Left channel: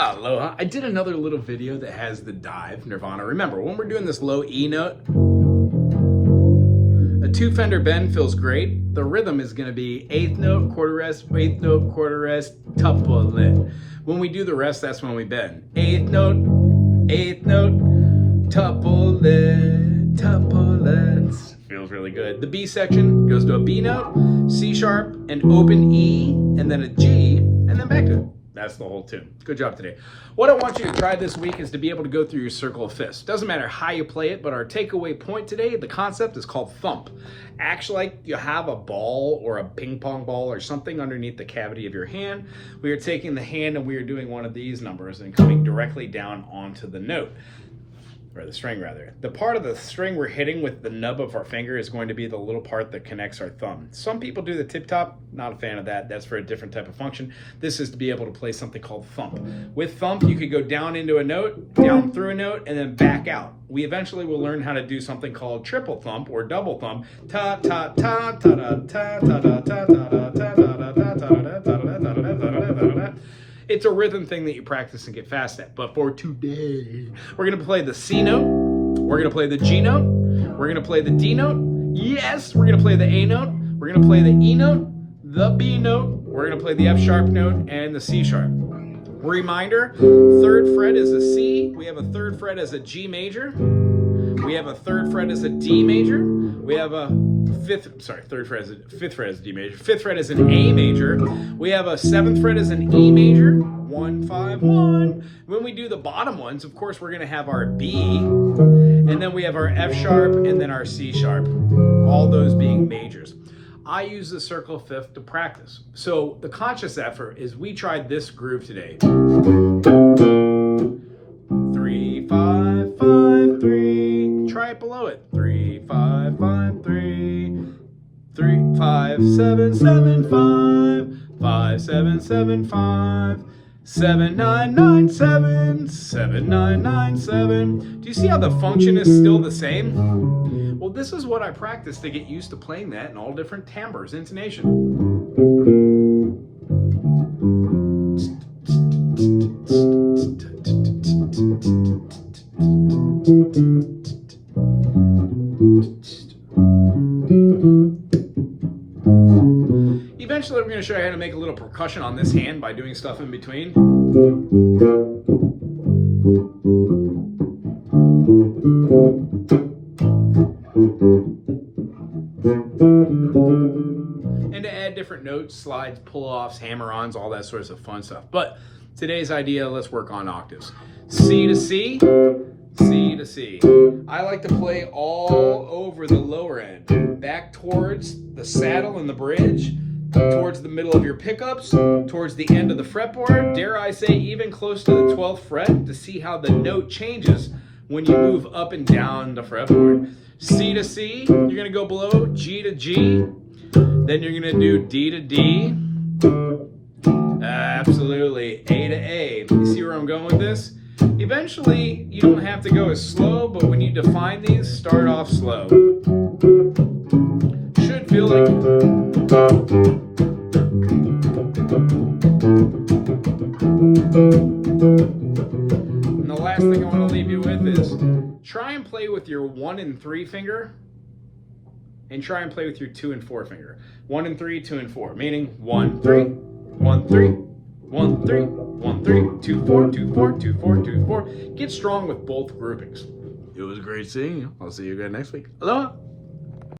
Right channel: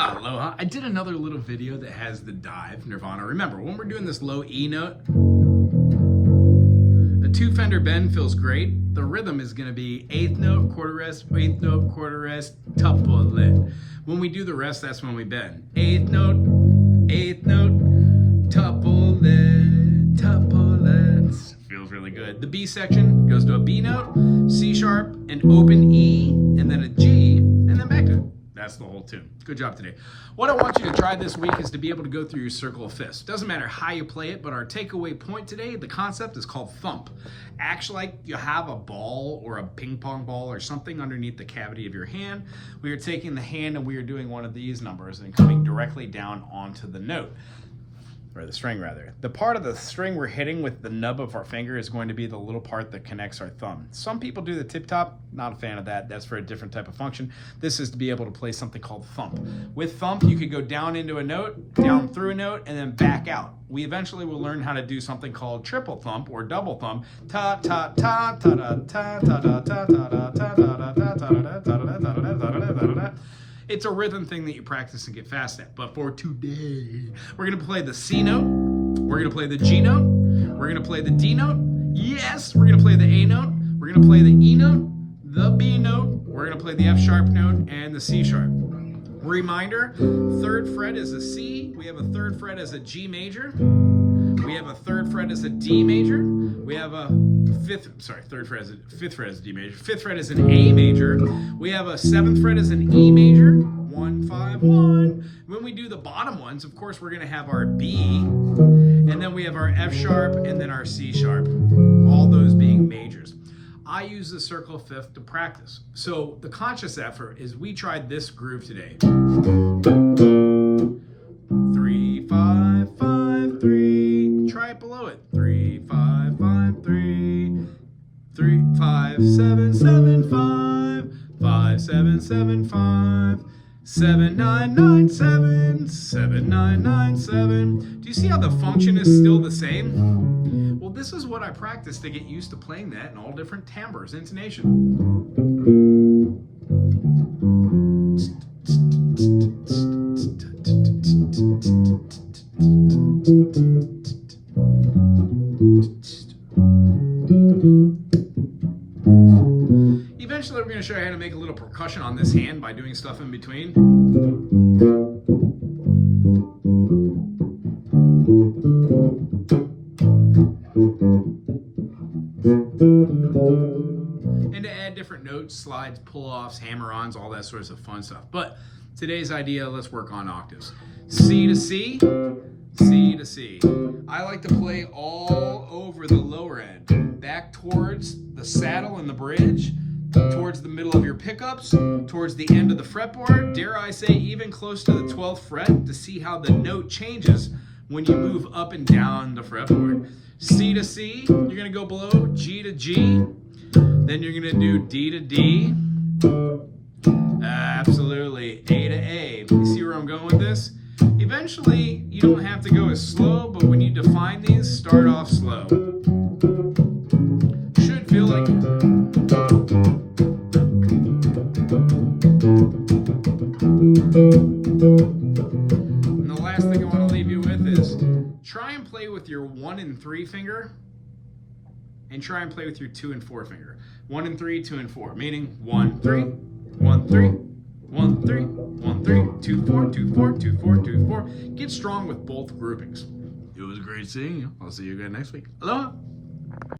Aloha. I did another little video that has the dive Nirvana. Remember, when we're doing this low E note, a 2-fender bend feels great. The rhythm is going to be 8th note, quarter rest, 8th note, quarter rest, tuple. When we do the rest, that's when we bend. 8th note, 8th note, tuple, tuple. Feels really good. The B section goes to a B note, C sharp, an open E, and then a G, and then back to it. That's the whole tune. Good job today. What I want you to try this week is to be able to go through your circle of fifths. Doesn't matter how you play it, but our takeaway point today, the concept is called thump. Acts like you have a ball or a ping pong ball or something underneath the cavity of your hand. We are taking the hand and we are doing one of these numbers and coming directly down onto the note. Or the string rather. The part of the string we're hitting with the nub of our finger is going to be the little part that connects our thumb. Some people do the tip top, not a fan of that. That's for a different type of function. This is to be able to play something called thump. With thump, you could go down into a note, down through a note, and then back out. We eventually will learn how to do something called triple thump or double thump. Ta ta ta ta ta ta ta ta ta ta ta ta ta. It's a rhythm thing that you practice and get fast at. But for today, we're going to play the C note. We're going to play the G note. We're going to play the D note. Yes, we're going to play the A note. We're going to play the E note, the B note. We're going to play the F sharp note and the C sharp. Reminder, 3rd fret is a C. We have a 3rd fret as a G major. We have a 3rd fret as a D major. We have a 5th fret as a D major. 5th fret as an A major. We have a 7th fret as an E major. 1, 5, 1. When we do the bottom ones, of course, we're going to have our B, and then we have our F sharp, and then our C sharp. All those being majors. I use the circle of fifth to practice. So the conscious effort is we tried this groove today. 3, 5, 5, 3. Try it below it. 3, 5, 5, 3. 3, 5, 7, 7, 5. 5, 7, 7, 5. 7, 9, 9, 7. 7, 9, 9, 7. Do you see how the function is still the same? Well, this is what I practice to get used to playing that in all different timbres, intonation. Eventually, we're going to show you how to make a little percussion on this hand by doing stuff in between. And to add different notes, slides, pull-offs, hammer-ons, all that sorts of fun stuff. But today's idea, let's work on octaves. C to C, C to C. I like to play all over the lower end, back towards the saddle and the bridge, towards the middle of your pickups, towards the end of the fretboard, dare I say even close to the 12th fret to see how the note changes when you move up and down the fretboard. C to C, you're going to go below, G to G, then you're going to do D to D, absolutely, A to A. You see where I'm going with this? Eventually, you don't have to go as slow, but when you define these, start off slow. Should feel like... And the last thing I want to leave you with is try and play with your 1 and 3 finger and try and play with your 2 and 4 finger. 1 and 3, 2 and 4, meaning 1, 3, 1, 3, 1, 3, 1, 3, 2, 4, 2, 4, 2, 4, 2, 4. Get strong with both groupings. It was great seeing you. I'll see you again next week. Aloha.